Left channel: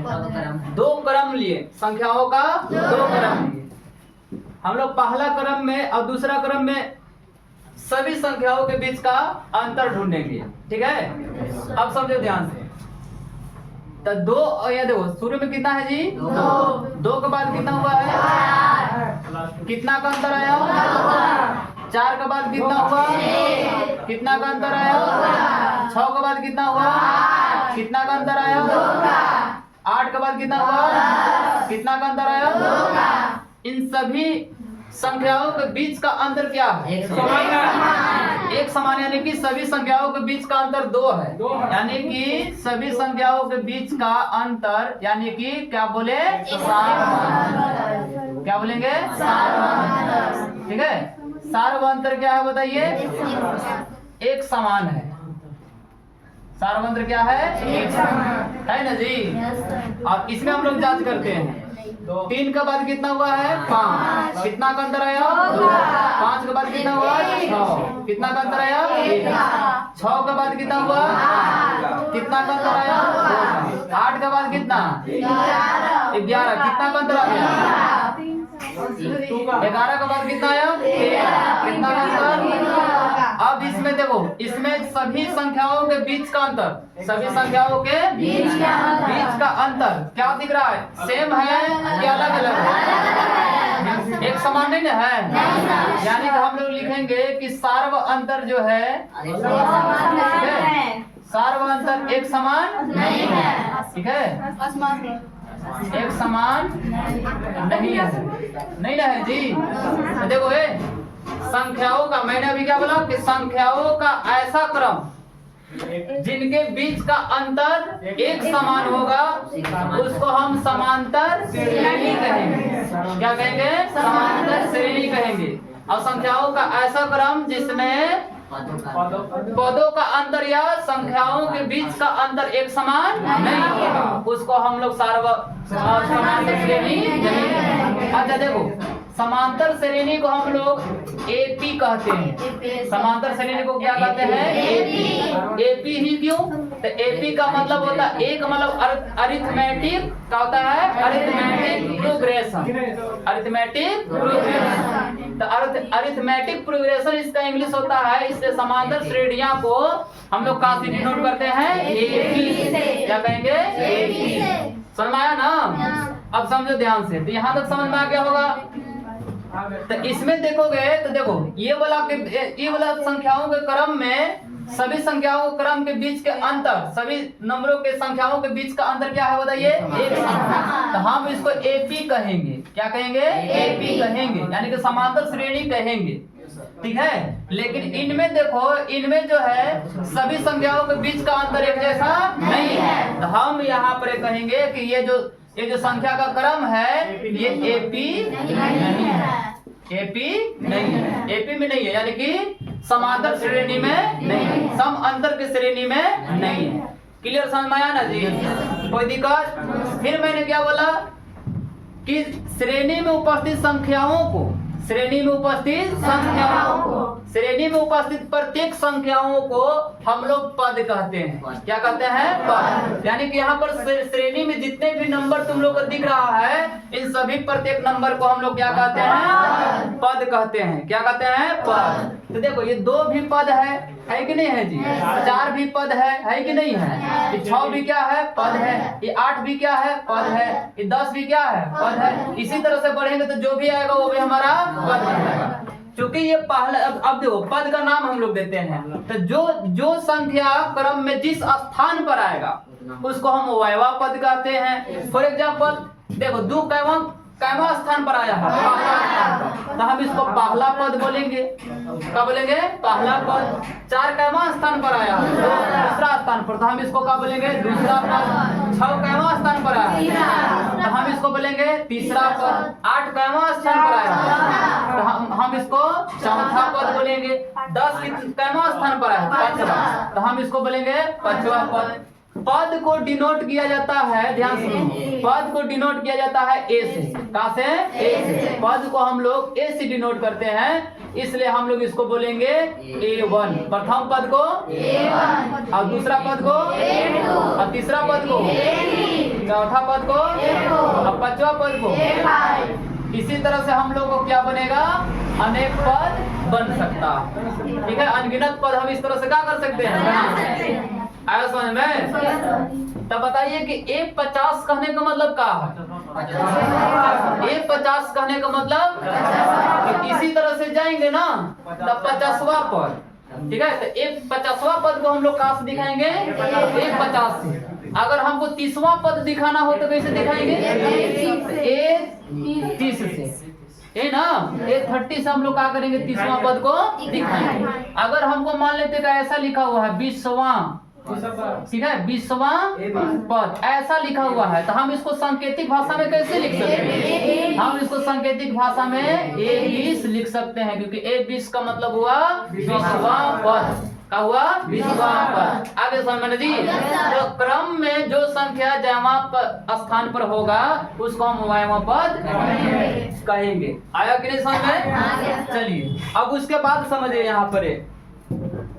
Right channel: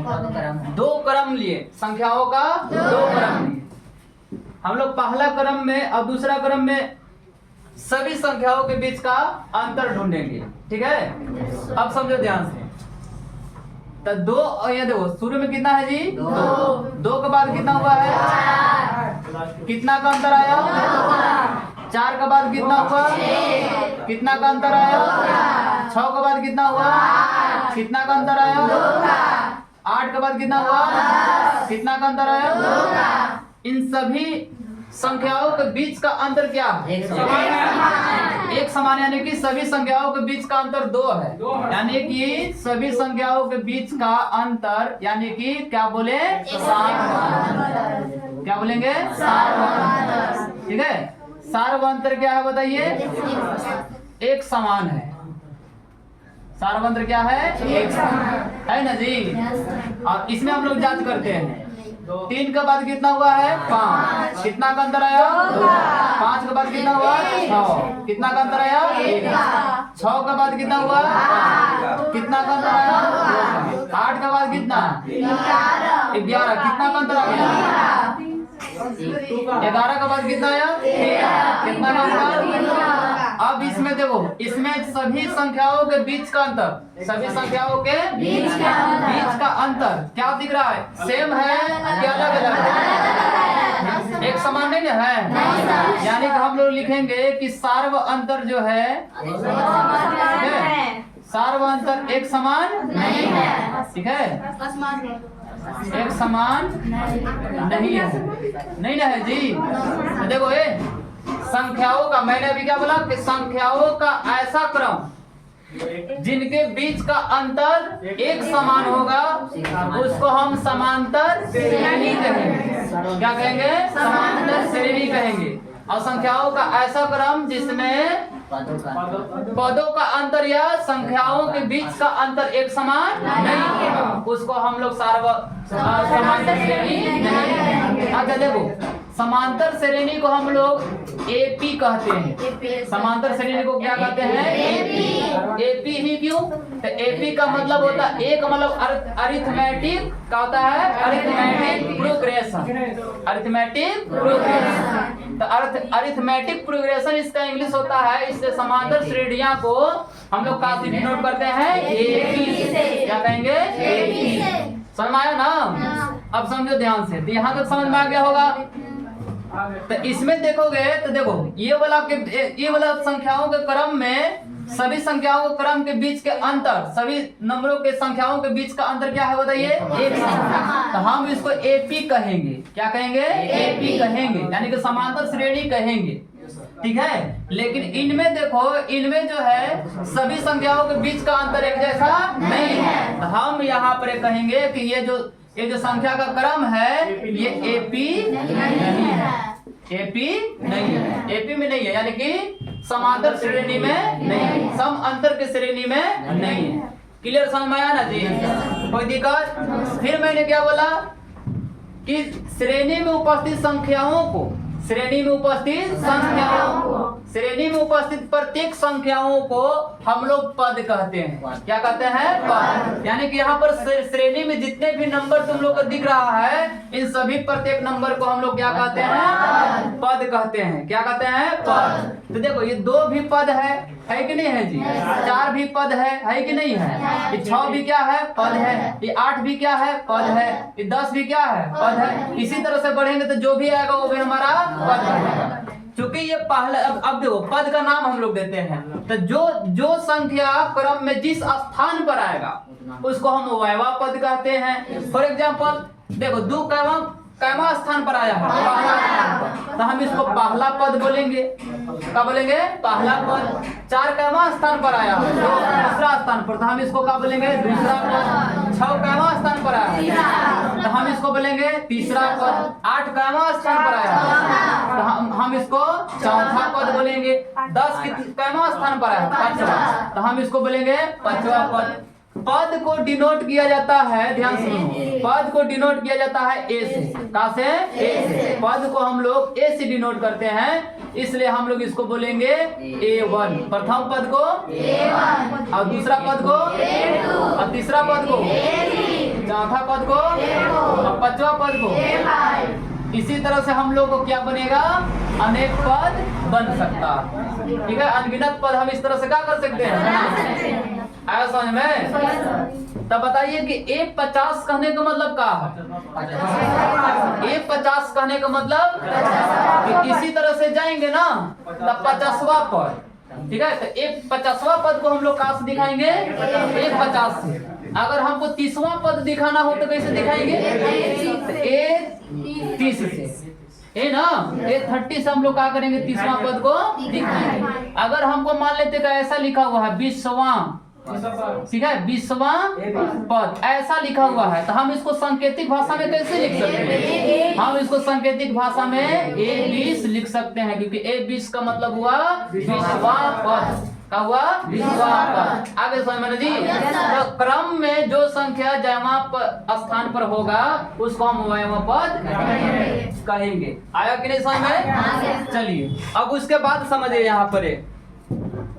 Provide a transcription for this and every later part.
दो क्रम लिए, संख्याओं का दो क्रम लिए। हम लोग पहला क्रम में और दूसरा क्रम में सभी संख्याओं के बीच का अंतर ढूंढेंगे, ठीक है। अब समझो ध्यान से, तो दो, ये देखो शुरू में कितना है जी, दो के बाद कितना हुआ है, कितना का अंतर आया, चार के बाद कितना हुआ, कितना का अंतर आया, छह के बाद कितना हुआ, कितना का अंतर आया, आठ के बाद कितना हुआ, कितना का अंतर आया। इन सभी संख्याओं के बीच का अंतर क्या है, एक समान, यानी कि सभी संख्याओं के बीच का अंतर दो है, यानी कि सभी संख्याओं के बीच का अंतर, यानी कि क्या बोले, सार्वधातुक। क्या बोलेंगे, सार्वधातुक, ठीक है। सार्वधातुक क्या है बताइए, एक समान है। सार्वधातुक क्या है, एक समान है ना जी। और इसमें हम लोग जांच करते हैं, तीन के बाद कितना हुआ है, पाँच, कितना का अंतर आया, पाँच के बाद कितना हुआ, छह, कितना का अंतर आया, छह के बाद कितना हुआ, कितना का अंतर आया, आठ के बाद कितना, 11, कितना का अंतर आ गया, 11 के बाद कितना आया, 13, कितना का अंतर। अब इसमें देखो, इसमें सभी संख्याओं के बीच का अंतर, सभी संख्याओं के बीच का अंतर क्या दिख रहा है, सेम है या अलग अलग है, एक समान नहीं है। यानी कि हम लोग लिखेंगे कि सार्व अंतर जो है, सार्व अंतर एक समान नहीं है, ठीक है, एक समान नहीं है, नहीं ना है जी। तो देखो ये संख्याओं का, मैंने अभी क्या बोला कि संख्याओं का ऐसा क्रम जिनके बीच का अंतर एक समान होगा, उसको हम समांतर श्रेणी कहेंगे। क्या कहेंगे, समांतर श्रेणी कहेंगे। और संख्याओं का ऐसा क्रम जिसमें पदों का अंतर या संख्याओं के बीच का अंतर एक समान नहीं होगा, उसको हम लोग समांतर श्रेणी कहेंगे। अच्छा देखो, समांतर श्रेणी को हम लोग एपी कहते हैं। समांतर श्रेणी को क्या कहते हैं, एपी। एपी ही क्यों, तो एपी का मतलब होता है, एक मतलब अरिथमेटिक का होता है, अरिथमेटिक प्रोग्रेशन, अरिथमेटिक प्रोग्रेशन। तो अरिथमेटिक प्रोग्रेशन इसका इंग्लिश होता है। इससे समांतर श्रेणियां को हम लोग काफी डिनोट करते हैं एपी से। क्या कहेंगे, एपी से। समझ में आया ना। अब समझो ध्यान से, तो यहाँ तक समझ में आ गया होगा। तो इसमें देखोगे तो देखो, ये वाला संख्याओं के क्रम में सभी संख्याओं के क्रम के बीच के अंतर, सभी नंबरों के संख्याओं के बीच का अंतर क्या है बताइए, एक समान। तो हम इसको एपी कहेंगे। क्या कहेंगे, एपी कहेंगे, यानी कि समांतर श्रेणी कहेंगे, ठीक है। लेकिन इनमें देखो, इनमें जो है सभी संख्याओं के बीच का अंतर एक जैसा नहीं है। तो हम यहाँ पर कहेंगे कि ये जो संख्या का क्रम है ये एपी नहीं है, एपी नहीं है, एपी में नहीं है, यानी कि समांतर श्रेणी में नहीं है, सम अंतर की श्रेणी में नहीं है। क्लियर समझ में आया ना जी, कोई दिक्कत। फिर मैंने क्या बोला कि श्रेणी में उपस्थित संख्याओं को, श्रेणी में उपस्थित संख्याओं को, श्रेणी में उपस्थित प्रत्येक संख्याओं को हम लोग पद कहते हैं। क्या कहते हैं, पद। यानी कि यहाँ पर श्रेणी में जितने भी नंबर तुम लोग को दिख रहा है, इन सभी प्रत्येक नंबर को हम लोग क्या कहते हैं, पद कहते हैं। क्या कहते हैं, पद। तो देखो, ये 2 भी पद है कि नहीं है जी, 4 भी पद है कि नहीं है, ये 6 भी क्या है, पद है, ये 8 भी क्या है, पद है, ये 10 भी क्या है, पद है। इसी तरह से बढ़ेंगे तो जो भी आएगा वो भी हमारा पद रहेगा। क्योंकि ये पहले, अब देखो पद का नाम हम लोग देते हैं, तो जो संख्या क्रम में जिस स्थान पर आएगा उसको हम वैवा पद कहते हैं। फॉर एग्जाम्पल देखो, 2 कैवा स्थान पर आया है, पहला स्थान पर, तो हम इसको पहला पद बोलेंगे। क्या बोलेंगे, पहला पद। 4 कैवा स्थान पर आया है, दूसरा स्थान पर, तो हम इसको क्या बोलेंगे, दूसरा पद। 6 कैवा स्थान पर आया है, तो हम इसको बोलेंगे तीसरा पद। 8 कैवा स्थान पर आया है, तो हम इसको चौथा पद बोलेंगे। 10 कैवा स्थान पर आया है, 5वां, तो हम इसको बोलेंगे 5वां पद। पद को डिनोट किया जाता है, ध्यान सुनो, पद को डिनोट किया जाता है ए से। कहाँ से, ए से। पद को हम लोग ए से डिनोट करते हैं, इसलिए हम लोग इसको बोलेंगे A1। प्रथम पद को A1, और दूसरा पद को A2, और तीसरा पद को A3। चौथा पद को और पांचवा पद को। इसी तरह से हम लोग को क्या बनेगा, अनेक पद बन सकता है। ठीक है, अनगिनत पद हम इस तरह से क्या कर सकते हैं, आया समझ में। तब बताइए कि A50 कहने का मतलब क्या है। A50 कहने का मतलब कि इसी तरह से जाएंगे ना तब 50वां पद। ठीक है, तो A50वां पद को हम लोग कहाँ से दिखाएंगे, A50 से। अगर हमको 30वां पद दिखाना हो तो कैसे दिखाएंगे, A30 से। ये ना A30 से हम लोग क्या करेंगे, 30वां पद को दिखाएंगे। अगर हमको मान लेते कि ऐसा लिखा हुआ है 20वां, ठीक है, 20वां पद ऐसा लिखा हुआ है, तो हम इसको सांकेतिक भाषा में कैसे लिख सकते हैं, हम इसको सांकेतिक भाषा में A20 लिख सकते हैं, क्योंकि A20 का मतलब हुआ 20वां पद। क्या हुआ, 20वां पद। आगे समझ जी, तो क्रम में जो संख्या जमा स्थान पर होगा उसको हम वायवा पद कहेंगे। आया कि नहीं समझ में। चलिए अब उसके बाद समझिए, यहाँ पर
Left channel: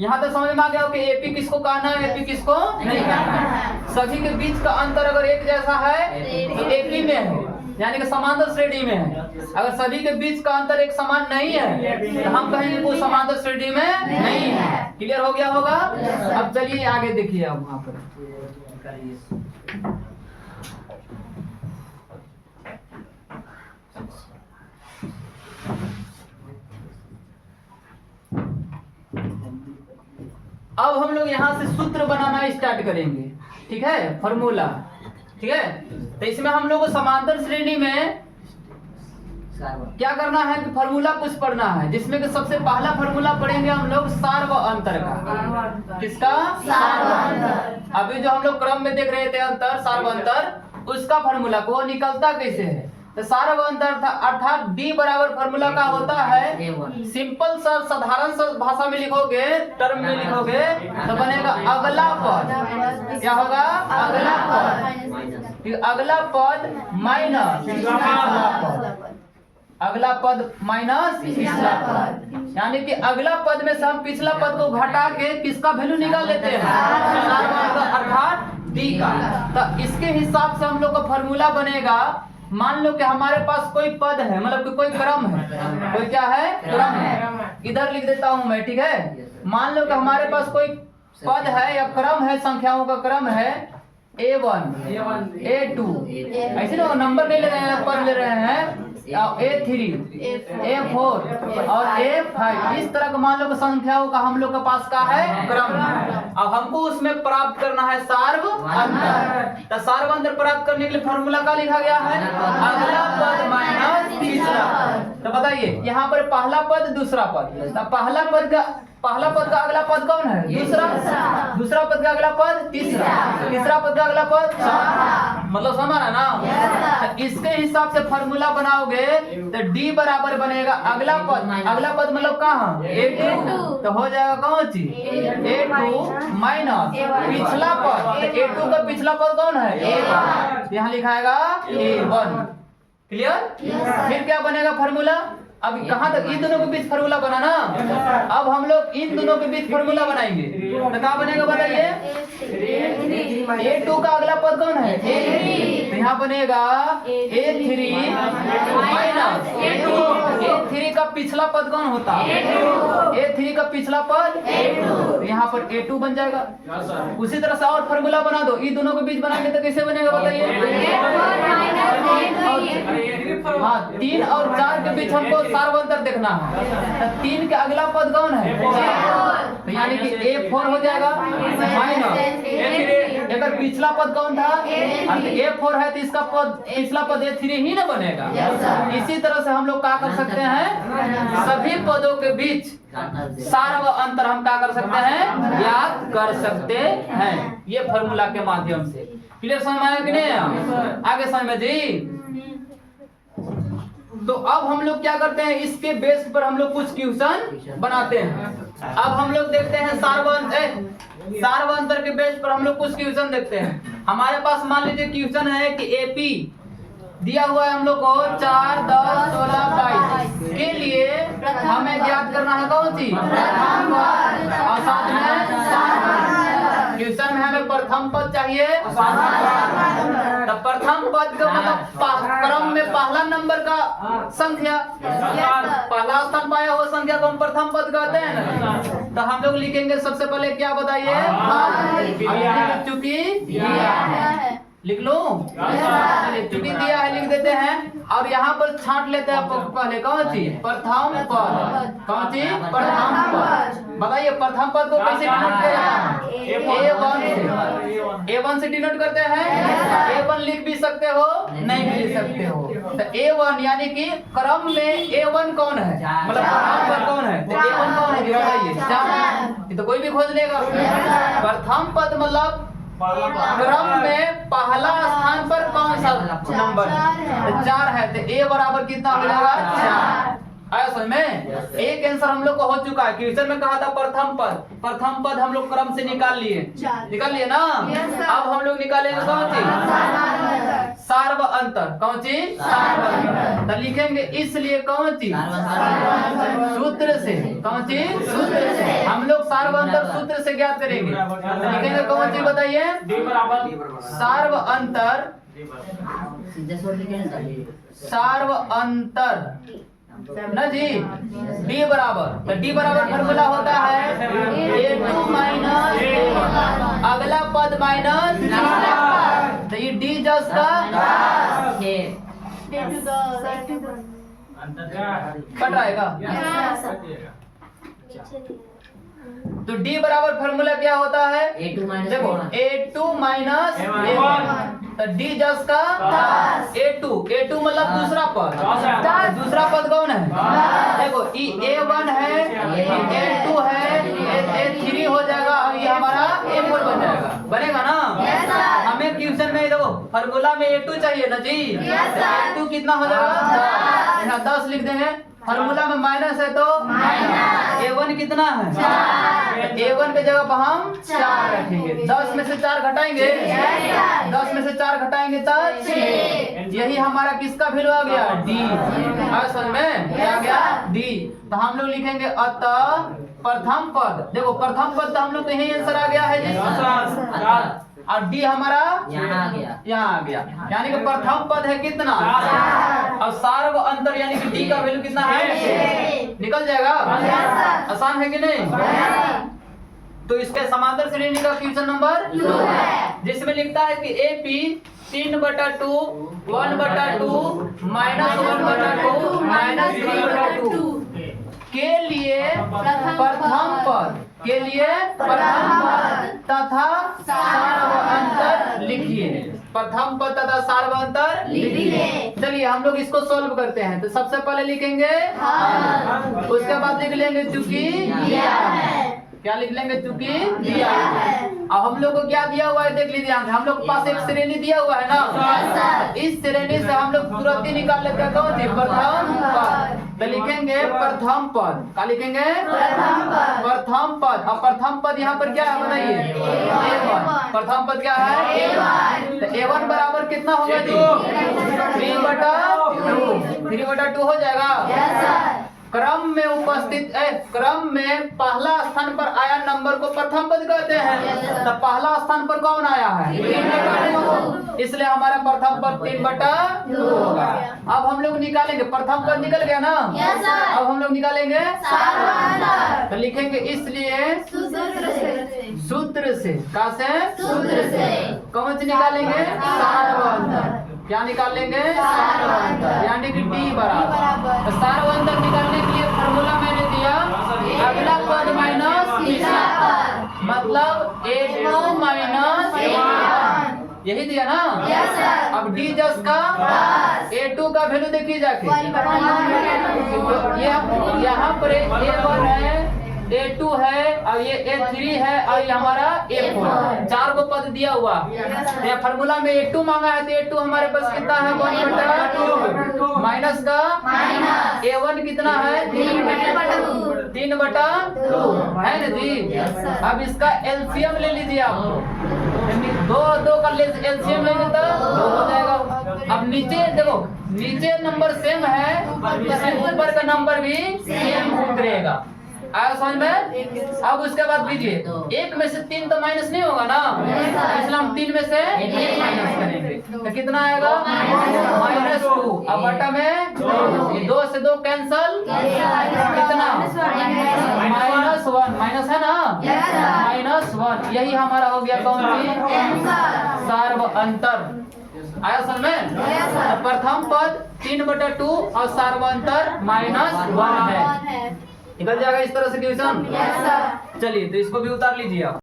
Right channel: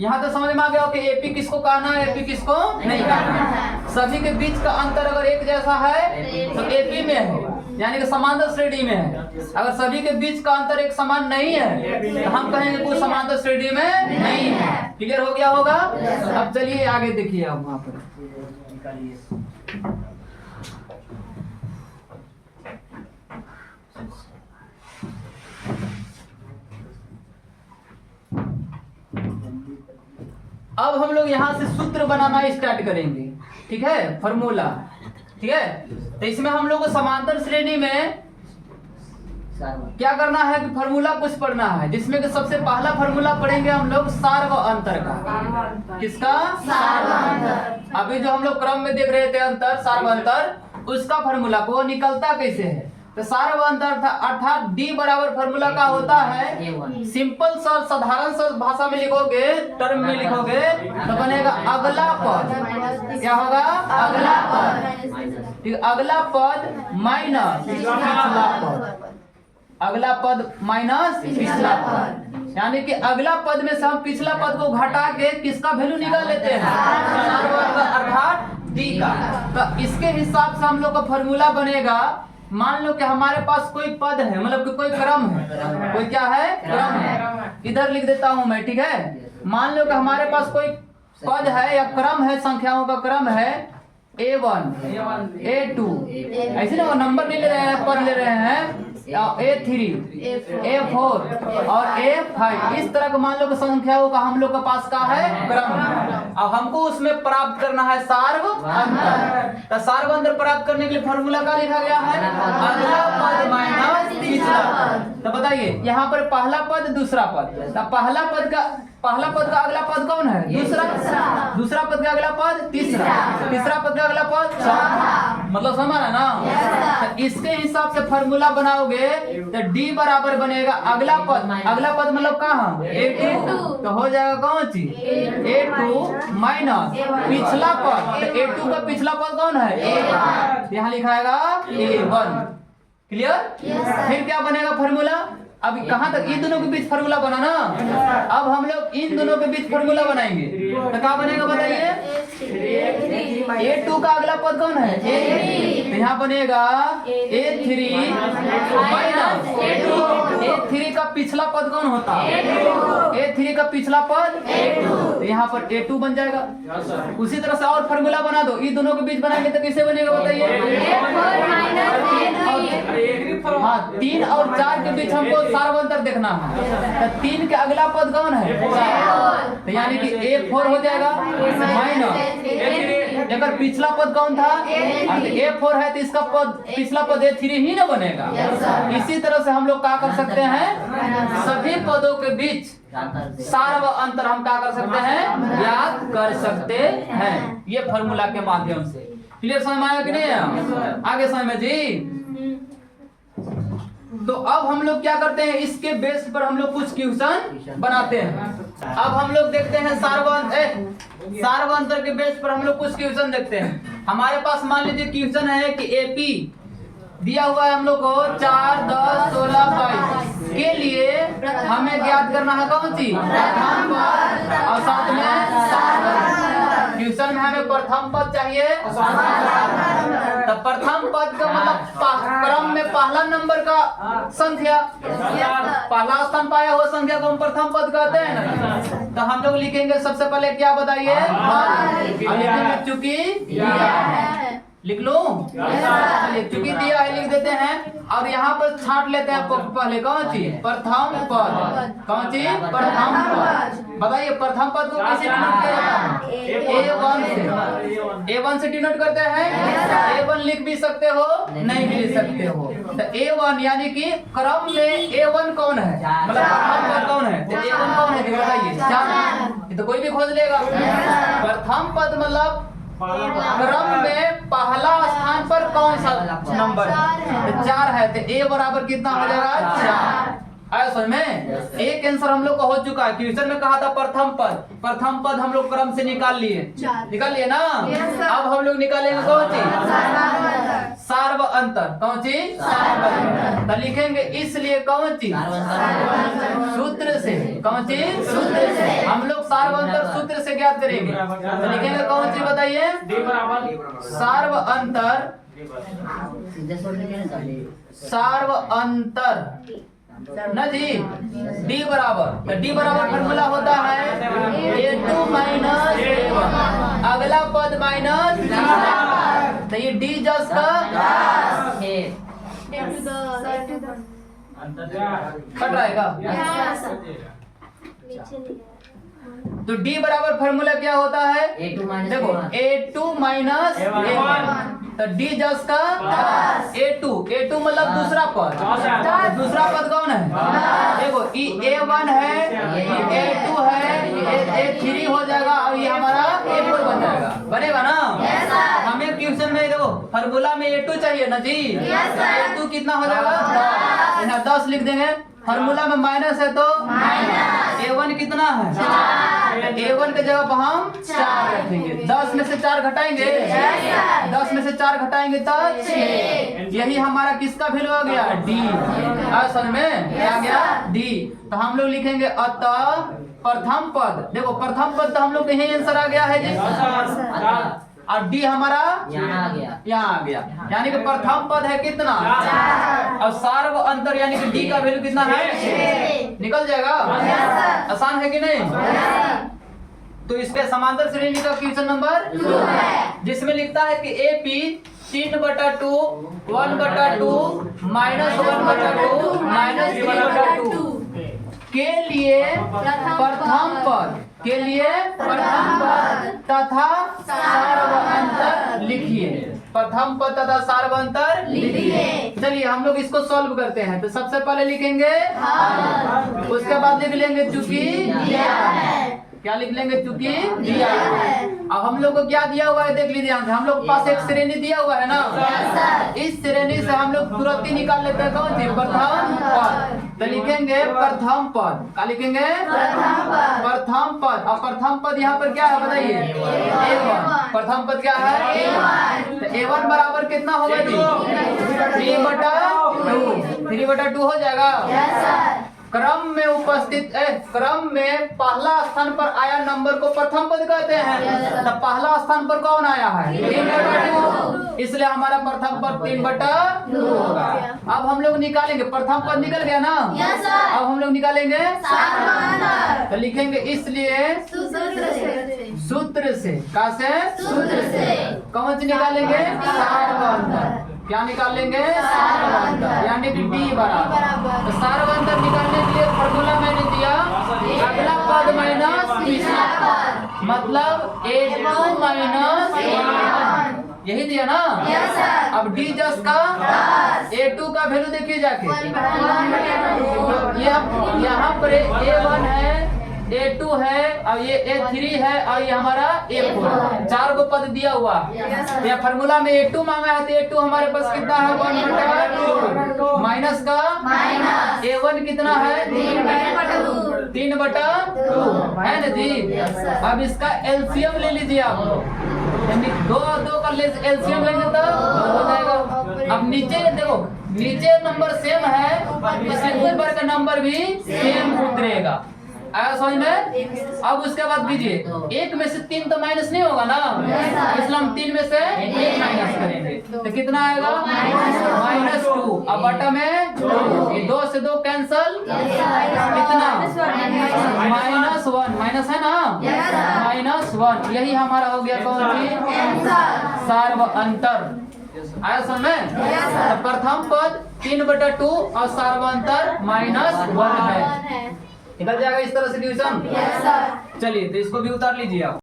यहाँ तो समझ में आ गया कि एपी किसको कहना है, एपी किसको नहीं कहना है। सभी के बीच का अंतर अगर एक जैसा है तो एपी में है, यानी कि समांतर श्रेणी में है। अगर सभी के बीच का अंतर एक समान नहीं है तो हम कहेंगे वो समांतर श्रेणी में नहीं है। क्लियर हो गया होगा। अब चलिए आगे देखिए, आप वहाँ पर अब हम लोग यहाँ से सूत्र बनाना स्टार्ट करेंगे। ठीक है, फॉर्मूला। ठीक है, तो इसमें हम लोग को समांतर श्रेणी में क्या करना है कि फॉर्मूला कुछ पढ़ना है, जिसमें कि सबसे पहला फॉर्मूला पढ़ेंगे हम लोग सार व अंतर का। किसका, सार व अंतर। अभी जो हम लोग क्रम में देख रहे थे अंतर, सार व अंतर, उसका फॉर्मूला को निकलता कैसे है। तो सार व अंतर अर्थात डी बराबर फॉर्मूला का होता है, सिंपल सा साधारण सा भाषा में लिखोगे, टर्म में लिखोगे तो बनेगा अगला पद। क्या होगा, अगला पद। अगला पद माइनस पिछला पद, अगला पद माइनस पिछला पद, यानी कि अगला पद में से हम पिछला पद को घटा के किसका वैल्यू निकाल लेते हैं, अर्थात डी का। तो इसके हिसाब से हम लोग का फॉर्मूला बनेगा। मान लो कि हमारे पास कोई पद है, मतलब कि कोई क्रम है, कोई क्या है, क्रम है। इधर लिख देता हूं मैं। ठीक है, मान लो कि हमारे पास कोई पद है या क्रम है, संख्याओं का क्रम है A1, A2, ऐसे ना नंबर नहीं ले रहे हैं, पद ले रहे हैं A3, A4 और A5। इस तरह का मान लो कि संख्याओं का हम लोग के पास का है क्रम। अब हमको उसमें प्राप्त करना है सार्व अंतर। तो सार्व अंतर प्राप्त करने के लिए फॉर्मूला का लिखा गया है अगला पद माइनस तीसरा पद। तो बताइए यहाँ पर पहला पद दूसरा पद, तो पहला पद का अगला पद कौन है, दूसरा। दूसरा पद का अगला पद तीसरा। तीसरा पद का अगला पद चौथा। मतलब समझ है ना। तो इसके हिसाब से फॉर्मूला बनाओगे तो डी बराबर बनेगा अगला पद। अगला पद मतलब कहाँ, A2। तो हो जाएगा कौन चीज, A2 माइनस पिछला पद। तो A2 का पिछला पद कौन है, A1। यहाँ लिखाएगा A1। क्लियर। फिर क्या बनेगा फॉर्मूला, अभी कहाँ तक इन दोनों के बीच फॉर्मूला बना ना, अब हम लोग इन दोनों के बीच फॉर्मूला बनाएंगे। तो क्या बनेगा बताइए, A2 का अगला पद कौन है, A3। तो यहाँ बनेगा A3 माइनस A3 का पिछला पद कौन होता है, A3 का पिछला पद A2। तो यहाँ पर A2 बन जाएगा। उसी तरह से और फॉर्मूला बना दो, इन दोनों के बीच बनाएंगे तो कैसे बनेगा बताइए। हाँ, 3 और 4 के बीच हमको सार्व अंतर देखना है। तो 3 के अगला पद कौन है, 4। तो यानी कि A4 हो जाएगा माइनस अगर पिछला पद कौन था, A4 है तो इसका पद पिछला पद A3 ही ना बनेगा। इसी तरह से हम लोग क्या कर सकते हैं, सभी पदों के बीच सार व अंतर हम क्या कर सकते हैं, याद कर सकते हैं, ये फॉर्मूला के माध्यम से। क्लियर समझ में आया कि नहीं, आगे समझ में जी। तो अब हम लोग क्या करते हैं, इसके बेस पर हम लोग कुछ क्वेश्चन बनाते हैं। अब हम लोग देखते हैं सार व अंतर के बेस पर हम लोग कुछ क्वेश्चन देखते हैं। हमारे पास मान लीजिए क्वेश्चन है कि एपी दिया हुआ है हम लोग को 4, 10, 16, 22 के लिए हमें ज्ञात करना है कौन सी, प्रथम पद और साथ में सार पद। क्वेश्चन में हमें प्रथम पद चाहिए, तो प्रथम पद का मतलब क्रम में पहला नंबर का संख्या, पहला स्थान पाया हुआ संख्या को हम प्रथम पद कहते हैं ना। तो हम लोग लिखेंगे सबसे पहले क्या बताइए, चूंकि लिख लो, चूंकि दिया है लिख देते हैं और यहाँ पर छांट लेते हैं पहले कौन सी प्रथम पद, कौन सी प्रथम पद। बताइए प्रथम पद को कैसे डिनोट किया जाता है, A1 से डिनोट करते हैं। A1 लिख भी सकते हो नहीं भी लिख सकते हो। तो A1 यानी कि क्रम में A1 कौन है, मतलब प्रथम पद कौन है, तो A1 कौन है बताइए, 4। ये तो कोई भी खोज लेगा। प्रथम पद मतलब क्रम में पहला स्थान पर कौन सा नंबर, 4 है। तो A बराबर कितना हो जाएगा, 4। आया समझ में। एक आंसर हम लोग को हो चुका है। क्वेश्चन में कहा था प्रथम पद, प्रथम पद हम लोग क्रम से निकाल लिए ना। अब हम लोग निकालेंगे कौन सी सार्व अंतर, कौन सी सार्व अंतर। तो लिखेंगे इसलिए कौन सी सूत्र से, कौन सी सूत्र से हम लोग सार्व अंतर सूत्र से ज्ञात करेंगे। तो लिखेंगे कौन सी बताइए, सार्व अंतर, सार्व अंतर ना जी D बराबर। तो D बराबर फॉर्मूला होता है A2 माइनस A1, अगला पद माइनस, तो ये D जस का कट रहेगा। तो D बराबर फॉर्मूला क्या होता है, देखो A2 माइनस A1, तो D जस का A2 मतलब दूसरा पद, दूसरा पद कौन है, देखो A1 है, A2 है, A3 हो जाएगा और ये हमारा A4 बन जाएगा, बनेगा ना। हमें ट्यूशन में देखो फॉर्मूला में A2 चाहिए ना जी। A2 कितना हो जाएगा, यहाँ 10 लिख देंगे। फॉर्मूला में माइनस है तो A1 कितना है, A1 के जगह पर हम 4 रखेंगे। 10 में से 4 घटाएंगे, 10 में से 4 घटाएंगे तो 6। यही हमारा किसका वैल्यू आ गया, D। समझ में क्या आ गया, D। तो हम लोग लिखेंगे अतः प्रथम पद, देखो प्रथम पद तो हम लोग यही आंसर आ गया है जी, और D हमारा यहाँ आ गया, यानी कि प्रथम पद है कितना, और सार्व अंतर यानी कि D का वैल्यू कितना है, निकल जाएगा। आसान है कि नहीं। तो इसके समांतर श्रेणी का क्वेश्चन नंबर 2 है, जिसमें लिखता है कि AP 3/2 1/2 -1/2 -3/2 के लिए प्रथम पद, के लिए प्रथम पद तथा सार्व अंतर लिखिए। प्रथम पद तथा सार्व अंतर लिखिए। चलिए हम लोग इसको सॉल्व करते हैं। तो सबसे पहले लिखेंगे उसके बाद लिख लेंगे चूंकि दिया है, क्या लिख लेंगे, चूंकि दिया है। अब हम लोग को क्या दिया हुआ है देख लीजिए, हम लोग के पास एक श्रेणी दिया हुआ है ना, इस श्रेणी से हम लोग तुरंत ही निकाल लेते हैं कौन सी प्रथम पद। तो लिखेंगे प्रथम पद, क्या लिखेंगे प्रथम पद। अब प्रथम पद यहाँ पर क्या है बताइए, A1। प्रथम पद क्या है, A1। तो A1 बराबर कितना होगा जी, 3/2, 3/2 हो जाएगा। क्रम में उपस्थित क्रम में पहला स्थान पर आया नंबर को प्रथम पद कहते हैं। तो पहला स्थान पर कौन आया है, 3/2, इसलिए हमारा प्रथम पद 3/2 होगा। अब हम लोग निकालेंगे, प्रथम पद निकल गया ना। अब हम लोग निकालेंगे तो लिखेंगे इसलिए सूत्र से, कहाँ से, सूत्र से। कौन से निकालेंगे, सार्व अंतर। क्या निकाल लेंगे, सार्व अंतर, यानी कि D बराबर। तो सार्व अंतर निकालने के लिए फॉर्मूला मैंने दिया अगला पद माइनस तीसरा पद, मतलब A2 माइनस A1, यही दिया ना। अब D जस का A2 का वैल्यू देखिए जाके, तो यहाँ पर A1 है, A2 है और ये A3 है और ये हमारा A4, 4 को पद दिया हुआ। यहाँ फार्मूला में A2 मांगा है, तो A2 हमारे पास कितना है 1/2, माइनस का A1 कितना है 3/2 है ना जी। अब इसका एलसीएम ले लीजिए आप, 2 का एलसीएम ले लेता हो जाएगा। अब नीचे देखो, नीचे नंबर सेम है, इसके ऊपर का नंबर भी सेम उतरेगा। आया समझ में। अब उसके बाद कीजिए, 1 में से 3 तो माइनस नहीं होगा ना, इसलिए हम 3 में से 1 माइनस करेंगे। तो कितना आएगा -2। अब बटा में 2 से 2 कैंसल, कितना -1, माइनस है ना, -1। यही हमारा हो गया कौन चीज, सार्व अंतर। आया समझ में? तो प्रथम पद 3/2 और सार्वंतर -1 है। निकल जाएगा इस तरह से क्वेश्चन। चलिए तो इसको भी उतार लीजिए आप।